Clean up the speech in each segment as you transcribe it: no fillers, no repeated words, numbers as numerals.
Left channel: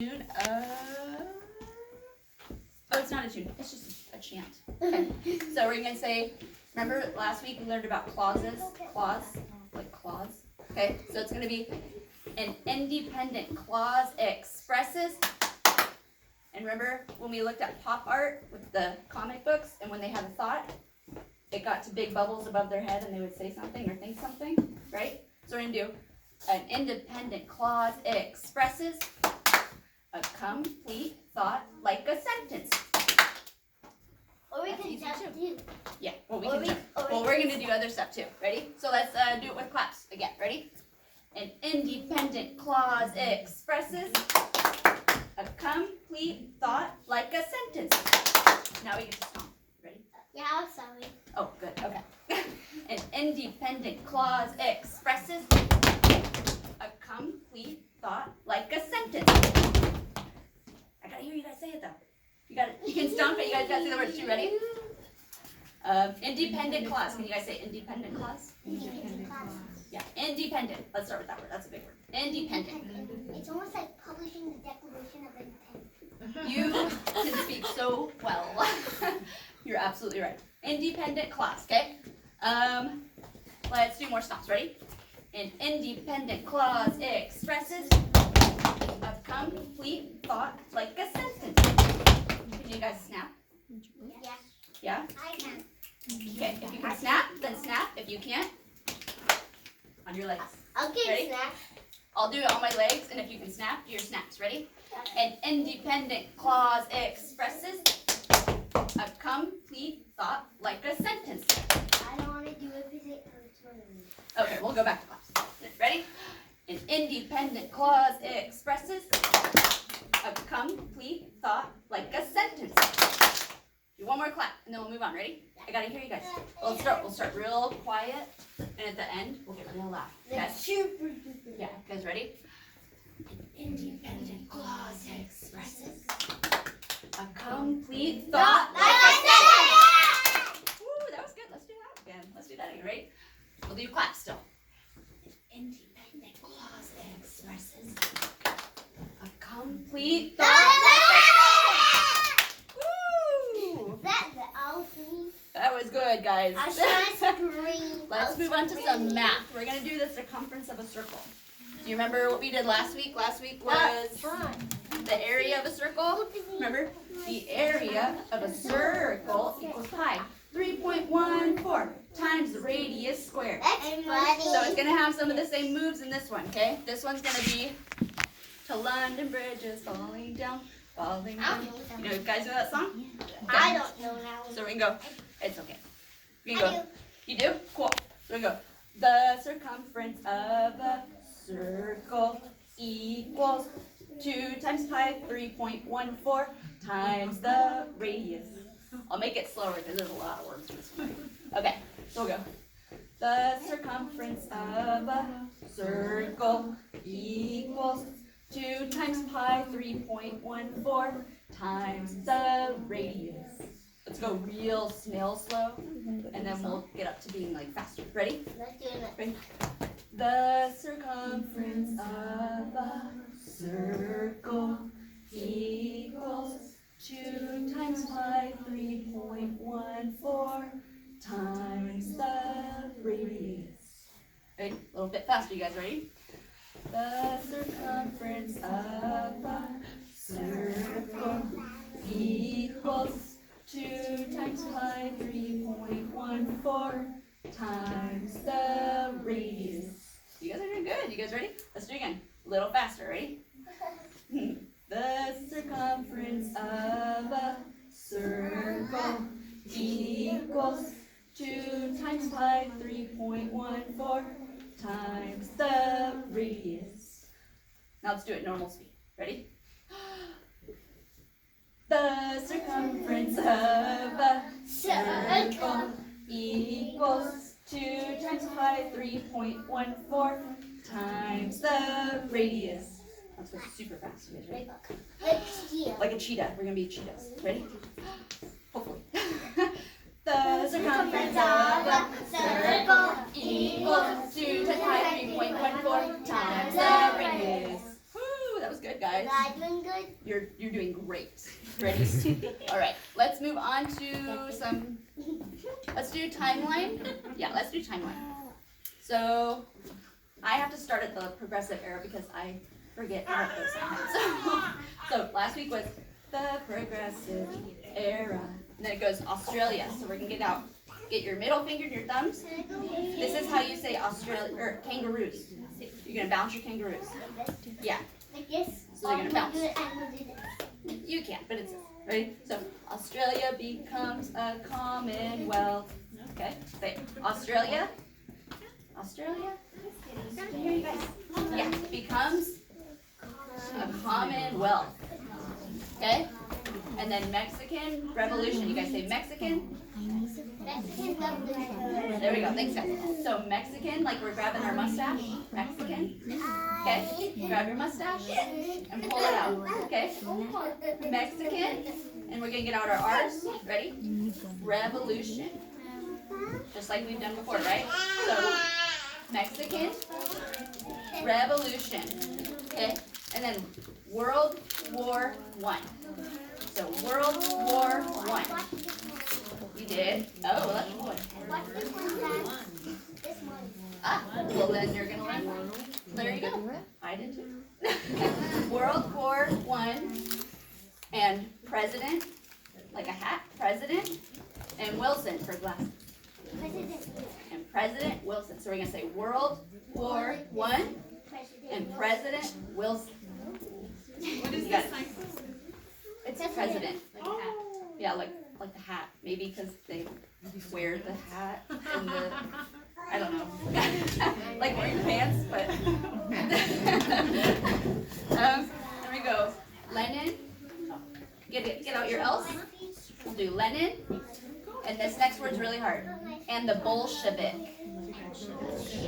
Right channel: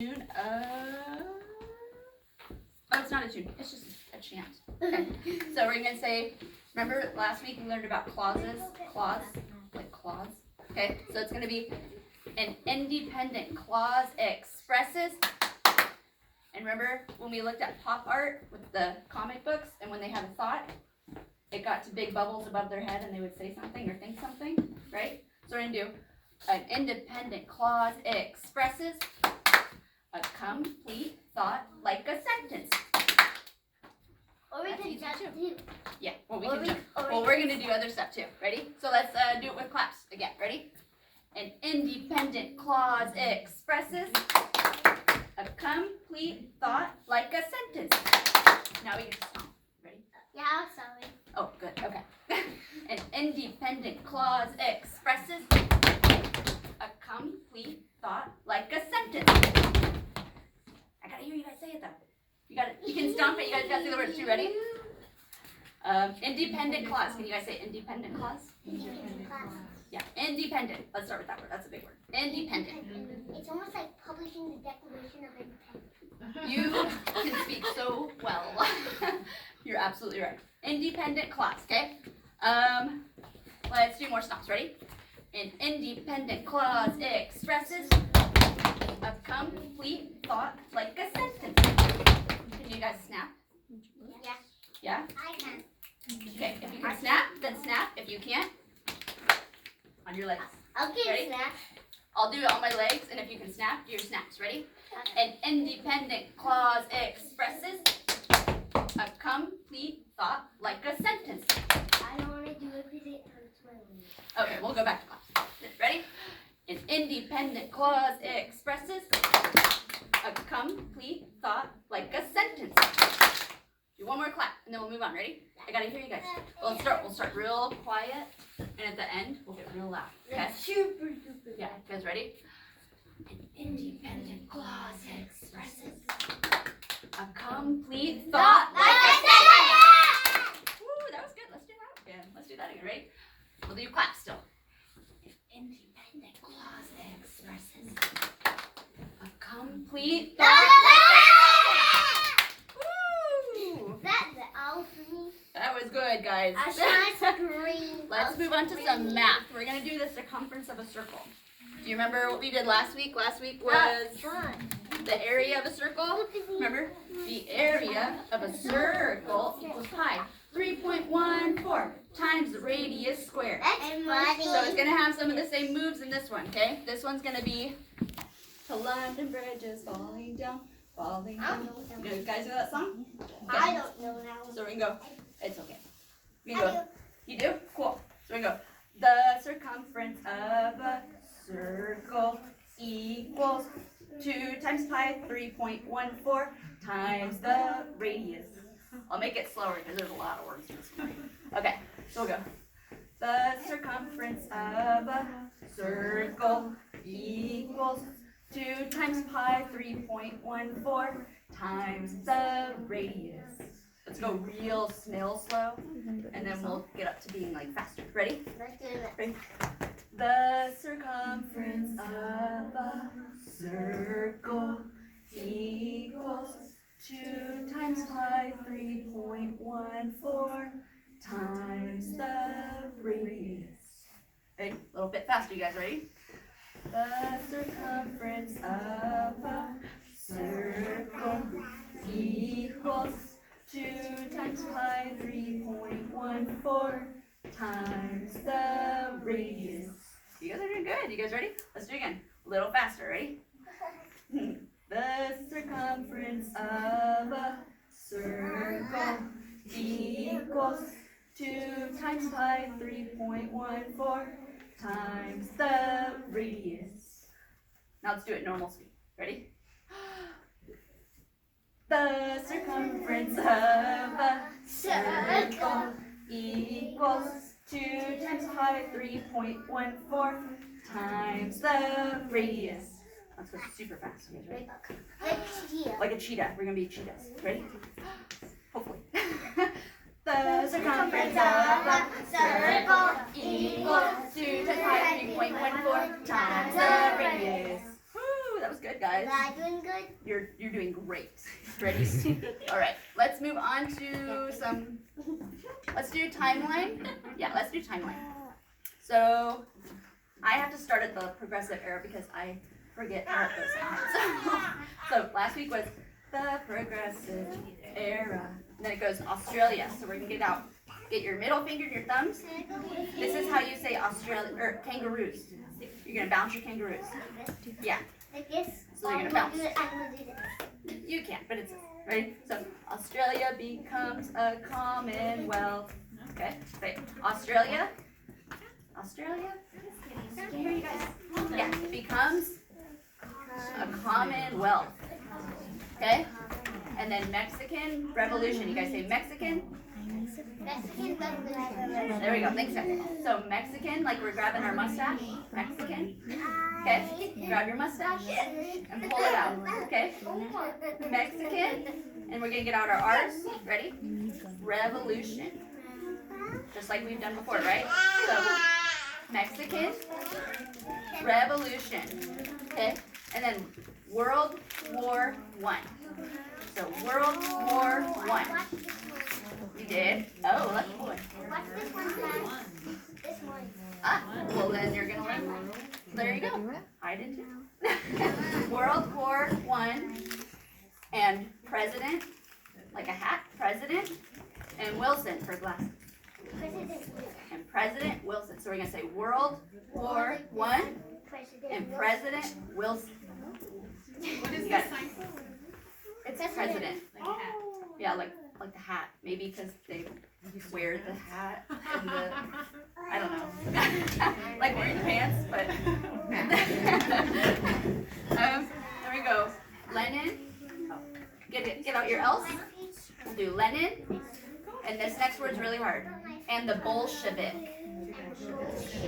Tune oh, it's not a tune, it's just a chant. Okay, so we're going to say, remember last week we learned about clauses? Clause, like clause. Okay, so it's going to be an independent clause expresses. And remember when we looked at pop art with the comic books, and when they had a thought, it got to big bubbles above their head and they would say something or think something, right? So we're going to do an independent clause expresses a complete thought like a sentence. Or we can jump too. Yeah, well, we can jump. Well, we're going to do other stuff too. Ready? So let's do it with claps again. Ready? An independent clause expresses a complete thought like a sentence. Now we can just stomp. Ready? Yeah, I'm sorry. Oh, good. Okay. An independent clause expresses a complete thought like a sentence. I gotta hear you guys say it though. You can stomp it. You guys gotta say the words too. Ready? Independent clause. Can you guys say independent clause? Independent class. Yeah, independent. Let's start with that word. That's a big word. Independent. It's almost like publishing the Declaration of Independence. You can speak so well. You're absolutely right. Independent clause. Okay. Let's do more stops. Ready? An independent clause expresses a complete thought like a sentence. Can you guys snap? Yeah. Yeah? I can. Okay, if you can snap, then snap. If you can't, on your legs. Okay, Ready? snap. I'll do it on my legs, and if you can snap, do your snaps. Ready? An independent clause expresses a complete thought like a sentence. I don't want to do it because it hurts my knee. Okay, we'll go back to class. Ready? An independent clause expresses a complete thought like a sentence. Do one more clap, and then we'll move on. Ready? I gotta hear you guys. Well, we'll start real quiet, and at the end, we'll get real loud. Okay? Super, super. Yeah, you guys ready? An independent clause expresses a complete thought like a sentence. Woo, that was good. Let's do that again. Let's do that again. Ready? We'll do claps still. An independent clause expresses a complete thought like a sentence. Woo! That's the all for me. That was good, guys. I should scream. Let's move on to some math. We're going to do the circumference of a circle. Do you remember what we did last week? Last week was the area of a circle. Remember? The area of a circle equals pi. 3.14 times the radius squared. That's funny. So it's going to have some of the same moves in this one, okay? This one's going to be to London bridges falling down, falling down. You guys know that song? I don't know now. So we can go. It's okay. We can go. You do? Cool. So we go. The circumference of a circle equals 2 times pi, 3.14 times the radius. I'll make it slower because there's a lot of words to this one. Okay, so we'll go. The circumference of a circle equals 2 times pi, 3.14 times the radius. Let's go real snail slow, and then we'll get up to being like faster. Ready? Let's do it. Ready? The circumference of a circle equals 2 times pi, 3.14 times the radius. Ready? A little bit faster, you guys. Ready? The circumference of a circle equals 2 times pi, 3.14 times the radius. You guys are doing good. You guys ready? Let's do it again. A little faster. Ready? The circumference of a circle equals 2 times pi, 3.14 times the radius. Now let's do it normal speed. Ready? The circumference of a circle equals 2 times pi, 3.14 times the radius. Let's go super fast. You guys ready? Like a cheetah. We're going to be cheetahs. Ready? Hopefully. The circumference of a circle equals 2 times pi, 3.14 times the radius. Woo, that was good. good, guys. Am I doing good? You're doing great. Ready? All right. Let's move on to some. Let's do timeline. Yeah, let's do timeline. So I have to start at the progressive era because I forget how it goes sometimes. So last week was the progressive era. And then it goes Australia. So we're gonna get your middle finger and your thumbs. This is how you say Australia or kangaroos. You're gonna bounce your kangaroos. Yeah. Like this? So you're gonna bounce. I'm gonna do this. You can, but it's ready. So Australia becomes a commonwealth. Okay. Say Australia. Australia. Here you guys. Yeah. Becomes a commonwealth. Okay. And then Mexican Revolution. You guys say Mexican. Mexican Revolution. There we go. Thanks, guys. So Mexican, like we're grabbing our mustache. Mexican. Okay. Grab your mustache and pull it out. Okay. Mexican. And we're gonna get out our R's. Ready? Revolution. Just like we've done before, right? So Mexican Revolution. Okay. And then World War I. So World War I. You did? Oh, lucky boy. Watch this one, Dad. This one. Ah, well then you're gonna learn. There you go. I did too. World War I and President, like a hat, President, and Wilson for glasses. President. And President Wilson. So we're gonna say World War I and President Wilson. What is You this got it. sign? It's President. Yeah, like the hat. Maybe because they wear the hat and the, I don't know, like wearing pants, but. There we go. Lenin. Get out your L's. We'll do Lenin. And this next word's really hard. And the Bolshevik.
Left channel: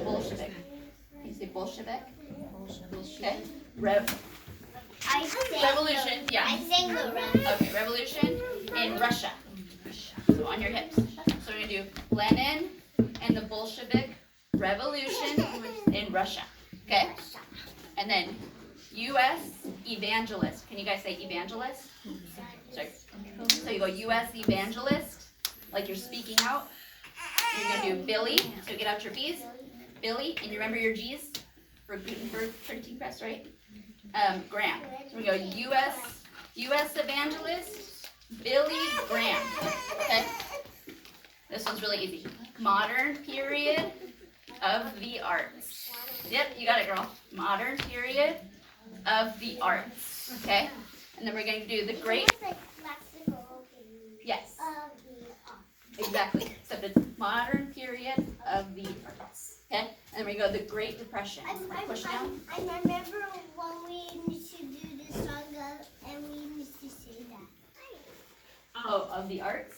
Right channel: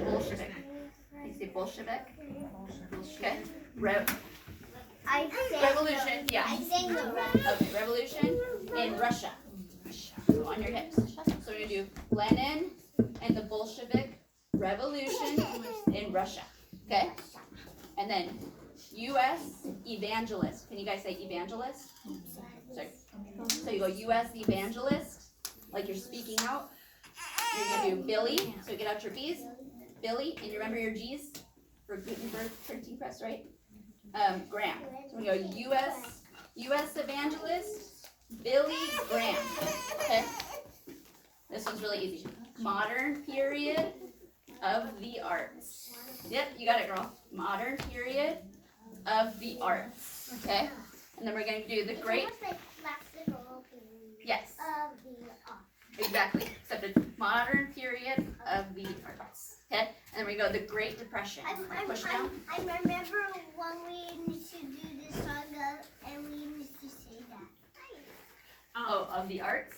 Bolshevik. You say Bolshevik? Okay. Revolution. Yeah. I sang the run. Okay. Revolution in Russia. So on your hips. So we're gonna do Lenin and the Bolshevik Revolution in Russia. Okay. And then U.S. evangelist. Can you guys say evangelist? Sorry. So you go U.S. evangelist, like you're speaking out. You're gonna do Billy. So get out your B's. Billy, and you remember your G's for Gutenberg printing press, right? Graham. So we go U.S. evangelist, Billy Graham. Okay. This one's really easy. Modern period of the arts. Yep, you got it, girl. Modern period of the arts. Okay. And then we're going to do the great. Yes. Exactly. Except it's modern period of the arts. Okay. And then we go the Great Depression. Push down. I remember when we used to do this song and we used to say that. Oh, of the arts?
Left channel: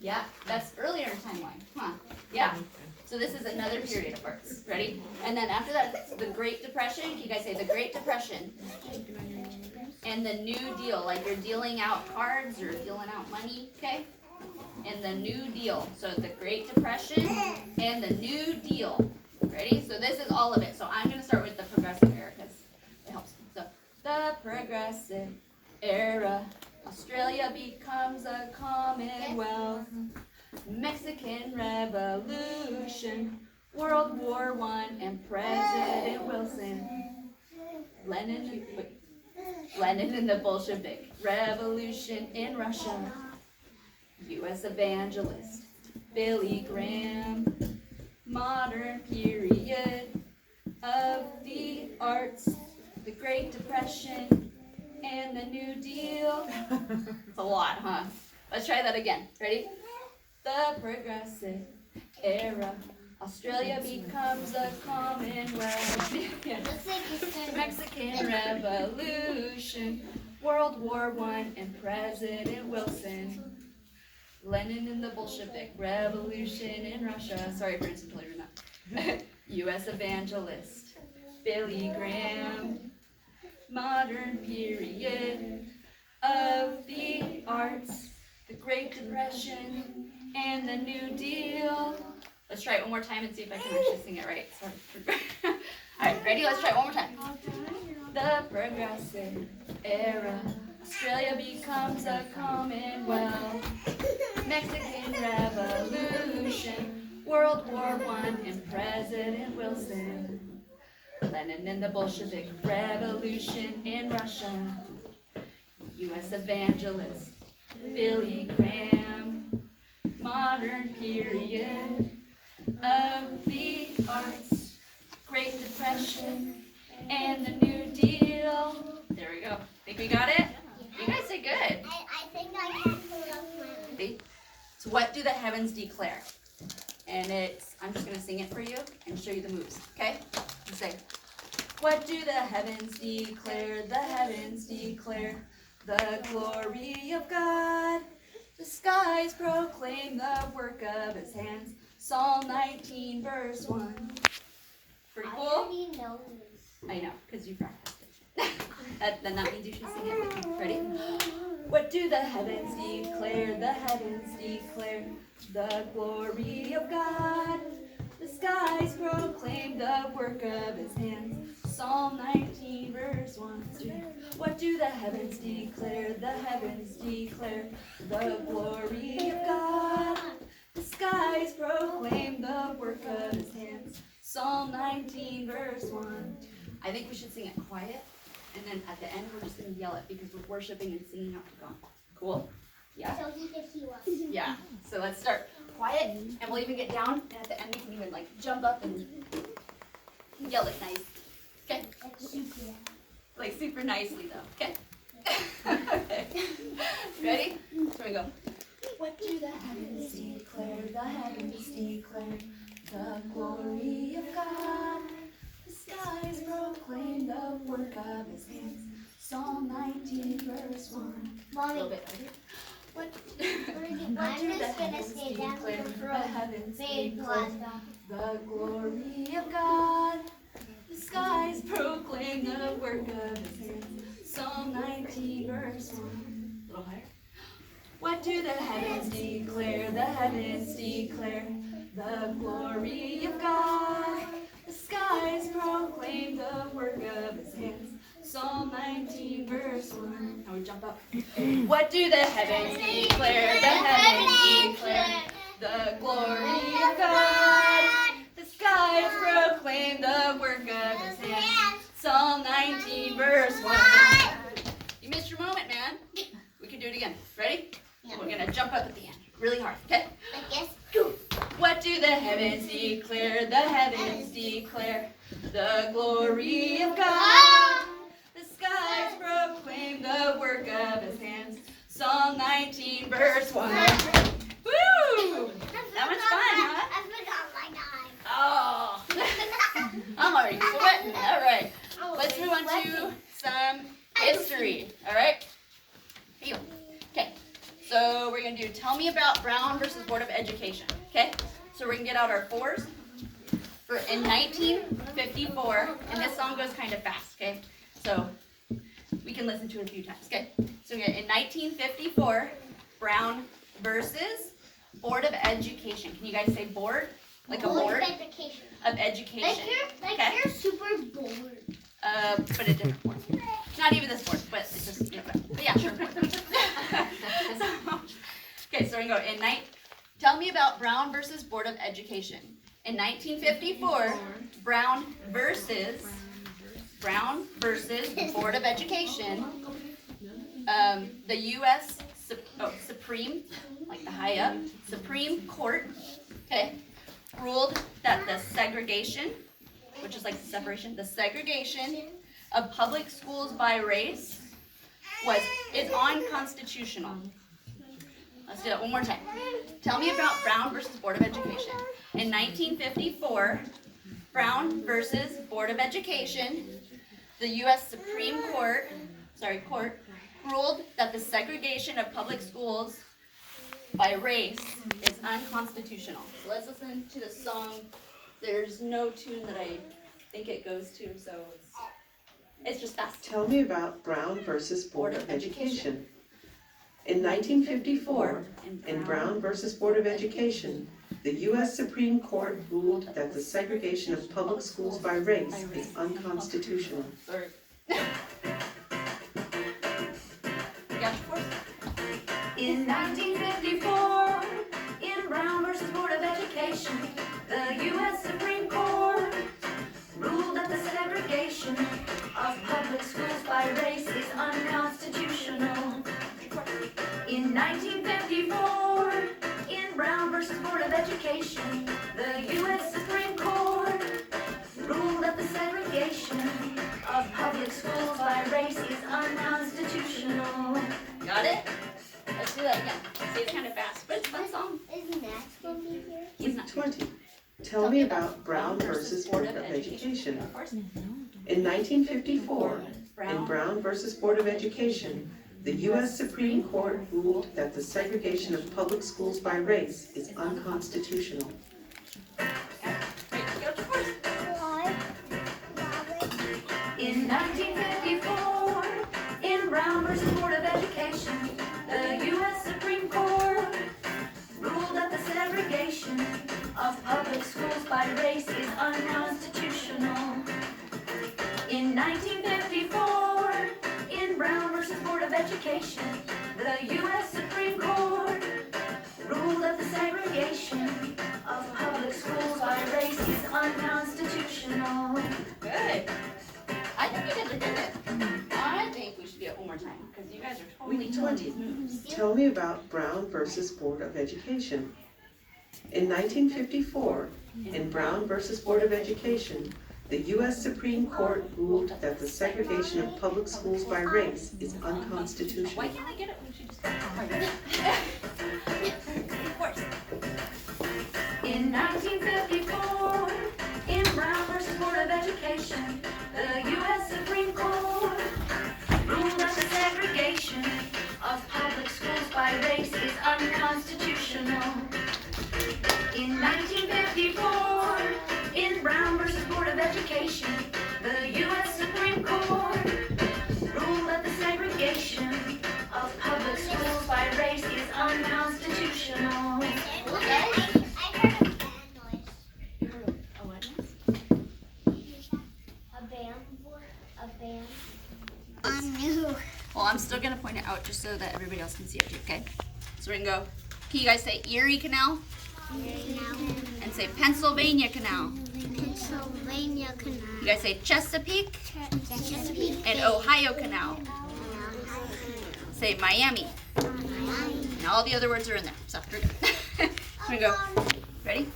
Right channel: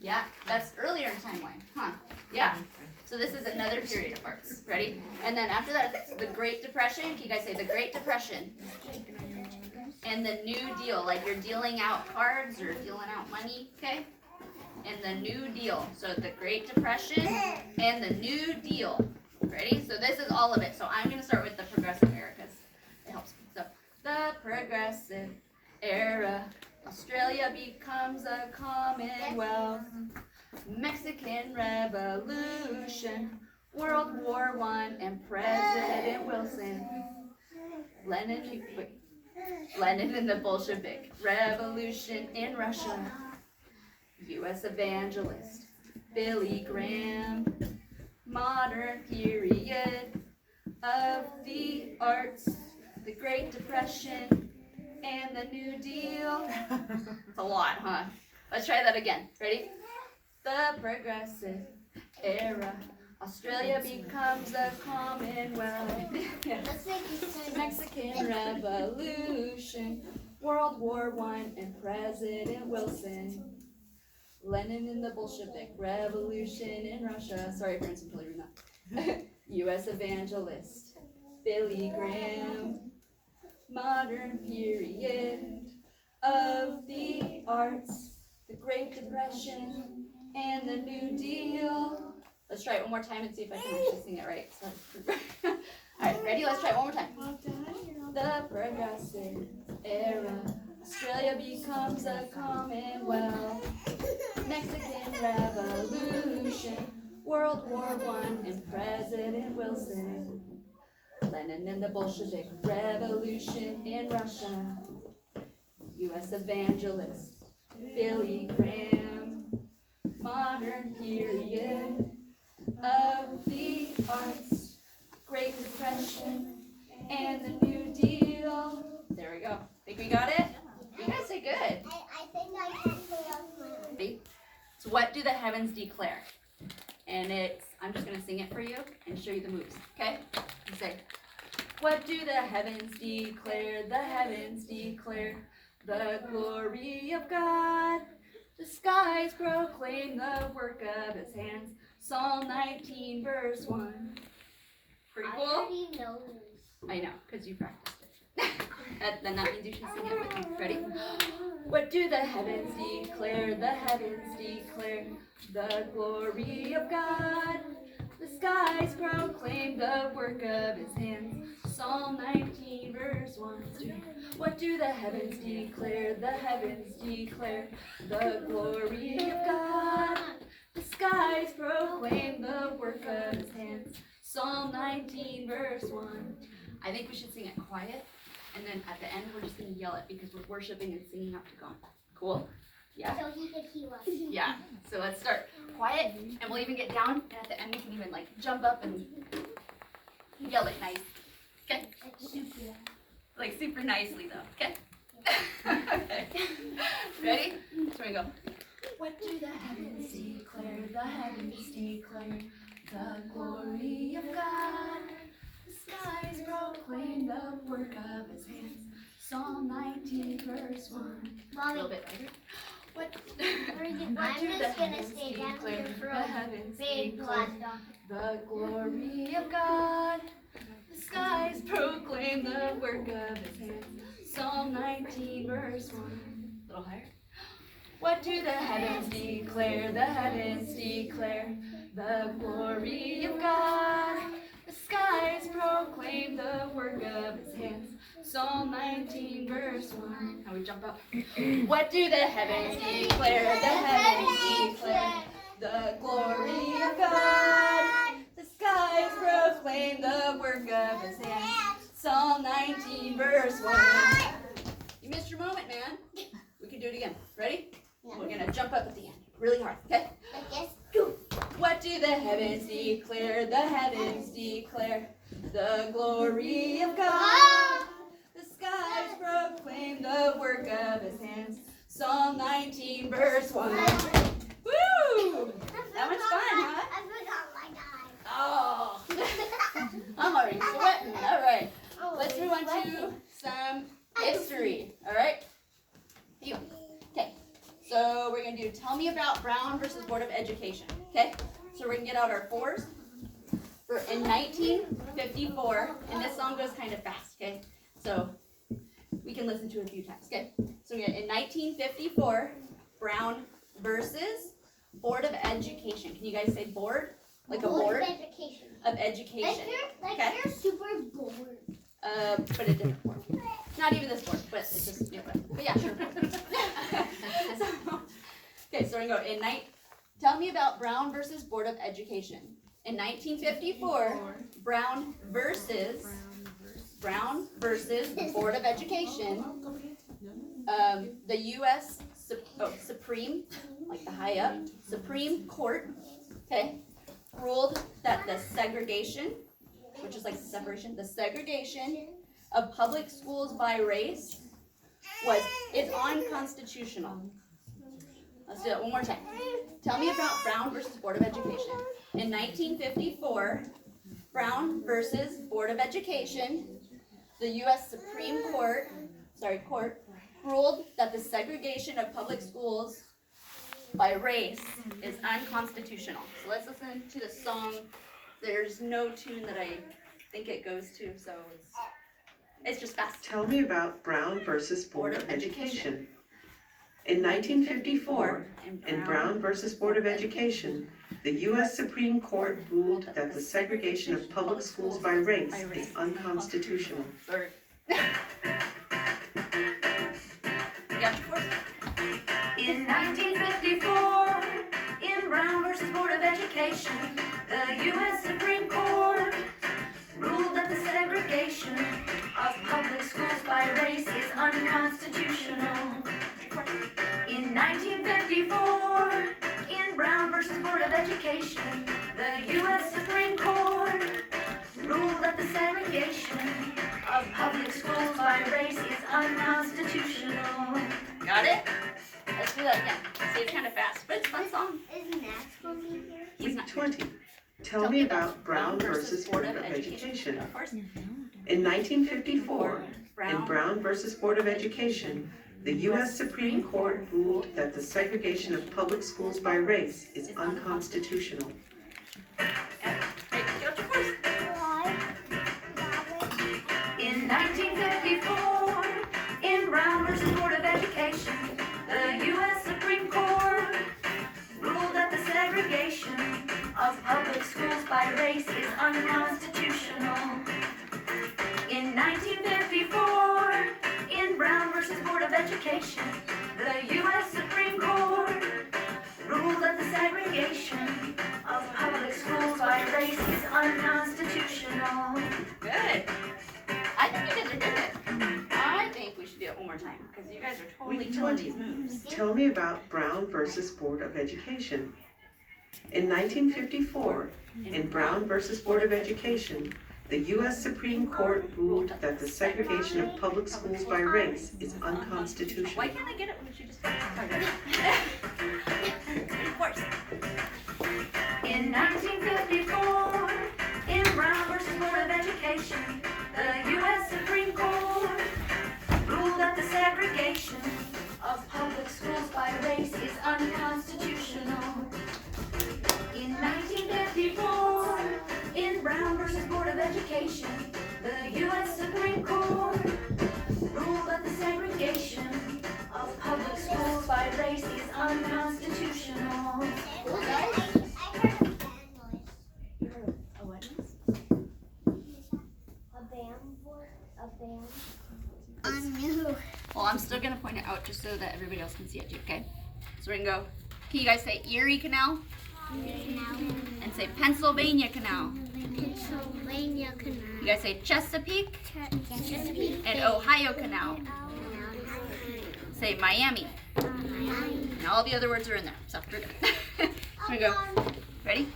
Yeah, that's earlier in timeline, huh? Yeah. So this is another period of arts. Ready? And then after that, it's the Great Depression. Can you guys say the Great Depression? And the New Deal, like you're dealing out cards or dealing out money, okay? And the New Deal. So the Great Depression and the New Deal. Ready? So this is all of it. So I'm going to start with the progressive era because it helps me. So the progressive era. Australia becomes a commonwealth. Mexican Revolution. World War I and President Wilson. Lenin and the Bolshevik Revolution in Russia. U.S. evangelist Billy Graham. Modern period of the arts. The Great Depression and the New Deal. It's a lot, huh? Let's try that again. Ready? The progressive era. Australia becomes a commonwealth. Yeah. Mexican Revolution. World War I and President Wilson. Lenin and the Bolshevik Revolution in Russia. Sorry, parents, I'm totally doing that. U.S. evangelist Billy Graham. Modern period of the arts. The Great Depression and the New Deal. Let's try it one more time and see if I can actually sing it right. Sorry. All right, ready? Let's try it one more time. the progressive era. Australia becomes a commonwealth. Mexican Revolution, World War I, and President Wilson. Lenin and the Bolshevik Revolution in Russia. U.S. evangelist Billy Graham. Modern period of the arts. Great Depression and the New Deal. There we go. Think we got it? You guys did good. I think I can pull up my own. See? So what do the heavens declare? And I'm just going to sing it for you and show you the moves, okay? You say, what do the heavens declare? The heavens declare the glory of God. The skies proclaim the work of his hands. Psalm 19, verse 1. Pretty I cool? already know this. I know, because you practiced it. Then that means you should sing it with me. Ready? What do the heavens declare? The heavens declare the glory of God. The skies proclaim the work of his hands. Psalm 19, verse 1. What do the heavens declare? The heavens declare the glory of God. The skies proclaim the work of his hands. Psalm 19, verse 1. I think we should sing it quiet, and then at the end we're just going to yell it because we're worshiping and singing out to God. Cool? Yeah? So he can hear us. Yeah. So let's start quiet, and we'll even get down, and at the end we can even like jump up and yell it nice. Okay? Like super nicely though. Okay? Ready? Here we go. What do the heavens declare? The heavens declare the glory of God. The skies proclaim the work of his hands. Psalm 19, verse 1. A little Mommy, bit louder. What I'm do the just gonna heavens stay down declare? here for The a heavens big declare one. the glory of God. The skies proclaim the work of his hands. Psalm 19, verse 1. A little higher. What do the heavens declare? The heavens declare the glory of God. The skies proclaim the work of his hands. Psalm 19, verse 1. Now we jump up. What do the heavens declare? The heavens declare the glory of God. The skies proclaim the work of his hands. Psalm 19, verse 1. You missed your moment, man. We can do it again. Ready? We're going to jump up at the end. Really hard, okay? Like this. What do the heavens declare? The heavens declare the glory of God. The skies proclaim the work of his hands. Psalm 19, verse 1. Woo! That was fun, huh? I forgot my knife. Oh, I'm already sweating. All right, let's move on to some history. All right? Here you go. Okay, so we're going to do Tell Me About Brown versus Board of Education. Okay, so we're going to get out our fours. In 1954, and this song goes kind of fast, okay? So we can listen to it a few times, okay? So in 1954, Brown versus Board of Education. Can you guys say board? Like a board of education. of education. Okay. You're super bored. But a different board. Not even this board, but it's just, you know, but yeah, sure. Okay, so we're going to go tell me about Brown versus Board of Education. In 1954, Brown versus Board of Education, the U.S. Supreme, like the high up, Supreme Court, okay, ruled that the segregation, which is like the separation, the segregation of public schools by race is unconstitutional. Let's do that one more time. Tell me about Brown versus Board of Education. In 1954, Brown versus Board of Education, the U.S. Supreme Court ruled that the segregation of public schools by race is unconstitutional. So let's listen to the song. There's no tune that I think it goes to, so it's just fast. Tell me about Brown versus Board of Education. In 1954, in Brown versus Board of Education, the U.S. Supreme Court ruled that the segregation of public schools by race is unconstitutional. Yeah. In 1954, in Brown versus Board of Education, the U.S. Supreme Court ruled that the segregation of public schools by race is unconstitutional. In 1954, in Brown versus Board of Education, the U.S. Supreme Court ruled that the segregation of public schools by race is unconstitutional. Got it? Let's do that again. See, it's kind of fast, but it's a fun song. Isn't that going to be here? He's not. 20. Tell me about Brown versus Board of Education. In 1954, in Brown versus Board of Education, the U.S. Supreme Court ruled that the segregation of public schools by race is unconstitutional. Why? In 1954, in Brown versus Board of Education, the U.S. Supreme Court ruled that the segregation of public schools by race is unconstitutional. In 1954, in Brown versus Board of Education, the U.S. Supreme Court ruled that the segregation of public schools by race is unconstitutional. Good. I think you guys are good. I think we should do it one more time because you guys are totally killing these moves. Tell me about Brown versus Board of Education. In 1954, in Brown versus Board of Education, the U.S. Supreme Court ruled that the segregation of public schools by race is unconstitutional. Why can't I get it when she just Of course. In 1954, in Brown versus Board of Education, the U.S. Supreme Court ruled that the segregation of public schools by race is unconstitutional. In 1954, in Brown versus Board of Education, the U.S. Supreme Court ruled that the segregation of public schools by race is unconstitutional. I heard a band noise. You heard a what? A band. New. Well, I'm still gonna point it out just so that everybody else can see it too, okay? So we're gonna go, can you guys say Erie Canal? And say Pennsylvania Canal. Pennsylvania Canal. You guys say Chesapeake Chesapeake. and Ohio Canal. Say Miami. And all the other words are in there, so we're good. Here we go. Ready?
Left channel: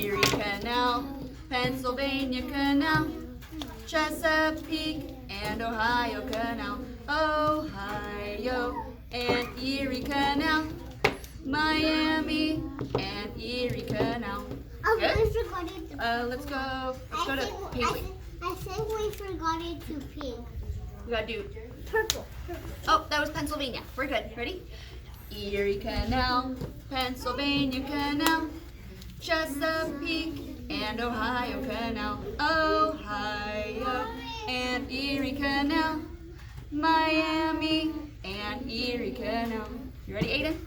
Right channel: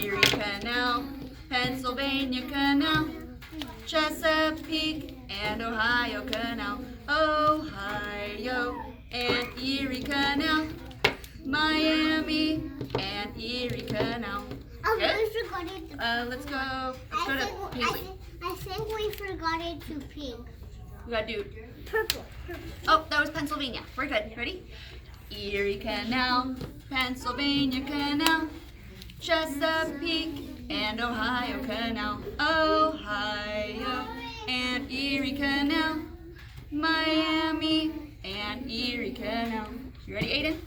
Erie Canal, Pennsylvania Canal, Chesapeake and Ohio Canal. Ohio and Erie Canal, Miami and Erie Canal. Oh, Good? we forgot it. Let's go to Paisley. I think we forgot it to pink. We gotta do, Purple. oh, that was Pennsylvania. We're good. Ready? Erie Canal, Pennsylvania Canal, Chesapeake and Ohio Canal. Ohio and Erie Canal, Miami and Erie Canal. You ready, Aiden?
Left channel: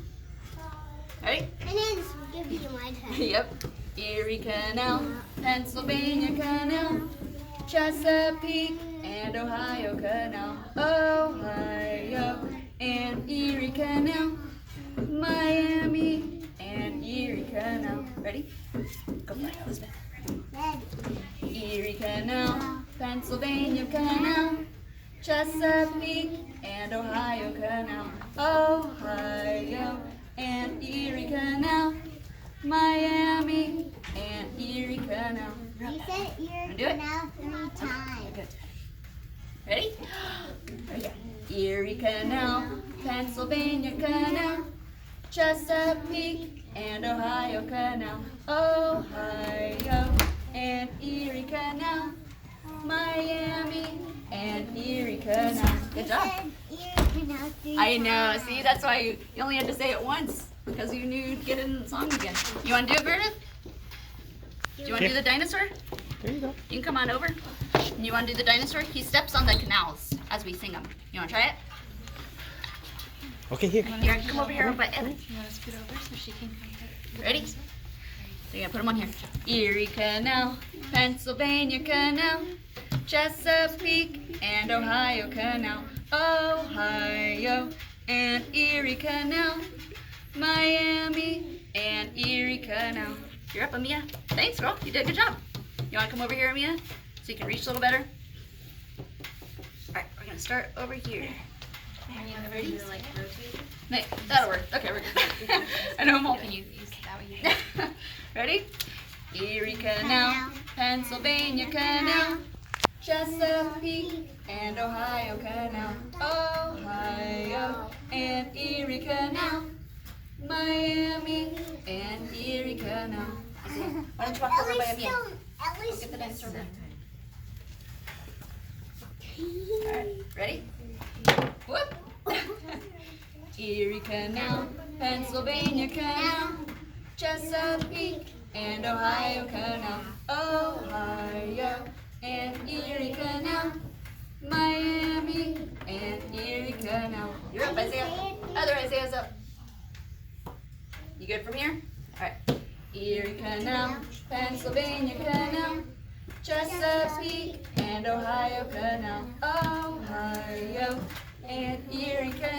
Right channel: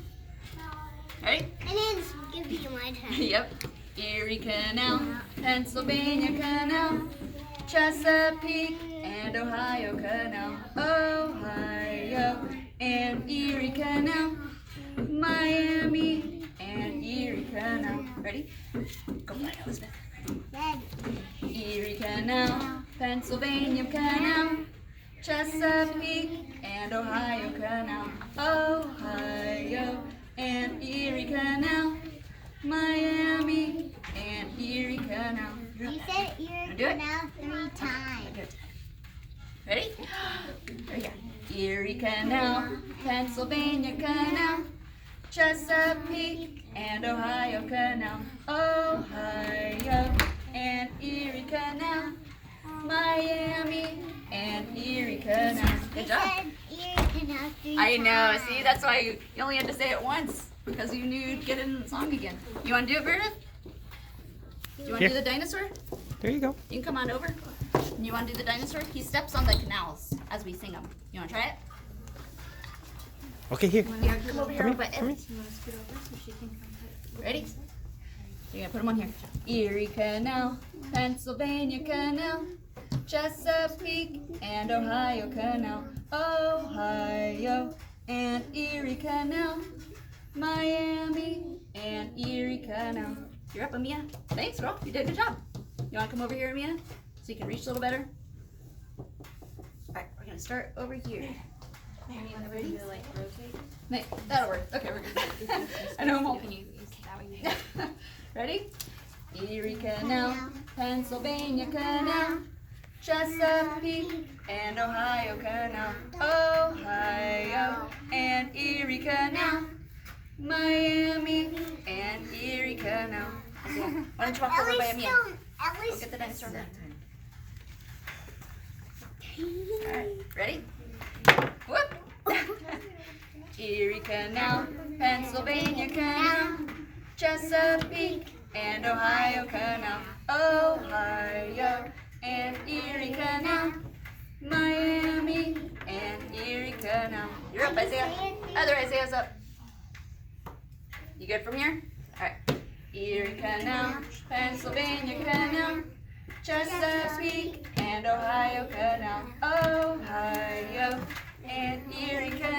Ready? And then give you my turn. Yep. Erie Canal, Pennsylvania Canal, Chesapeake and Ohio Canal. Ohio and Erie Canal, Miami and Erie Canal. Ready? Go play, Elizabeth. Red. Erie Canal, Pennsylvania Canal, Chesapeake and Ohio Canal. Ohio and Erie Canal, Miami and Erie Canal. You said Wanna do Erie it? Canal 3 times. Good. Ready? There we go. Erie Canal, Pennsylvania Canal, Chesapeake and Ohio Canal. Ohio and Erie Canal, Miami and Erie Canal. Good job. You said Erie Canal 3 I know. times. See, that's why you only had to say it once because you knew you'd get it in the song again. You want to do it, Meredith? Do you want to do the dinosaur? There you go. You can come on over. You want to do the dinosaur? He steps on the canals as we sing them. You want to try it? Okay, here. Here, come over here real quick. Ready? So you're gonna put them on here. Erie Canal, Pennsylvania Canal, Chesapeake and Ohio Canal, Ohio and Erie Canal, Miami and Erie Canal. You're up, Amia. Thanks, girl. You did a good job. You want to come over here, Amia, so you can reach a little better? All right, we're gonna start over here. Ready? No, that'll work. Okay, we're good. I know I'm all. Can you use that way? Ready? Erie Canal, Pennsylvania Canal, Chesapeake and Ohio Canal, Ohio and Erie Canal, Miami and Erie Canal. Why don't you walk over by Amia? We'll get the dinosaur over. Alright, ready? Whoop! Erie Canal, Pennsylvania Canal, Chesapeake and Ohio Canal, Ohio and Erie Canal, Miami and Erie Canal. You're up, Isaiah. Other Isaiah's up. You good from here? Alright. Erie Canal, Pennsylvania Canal, Chesapeake and Ohio Canal, Ohio and Erie Canal.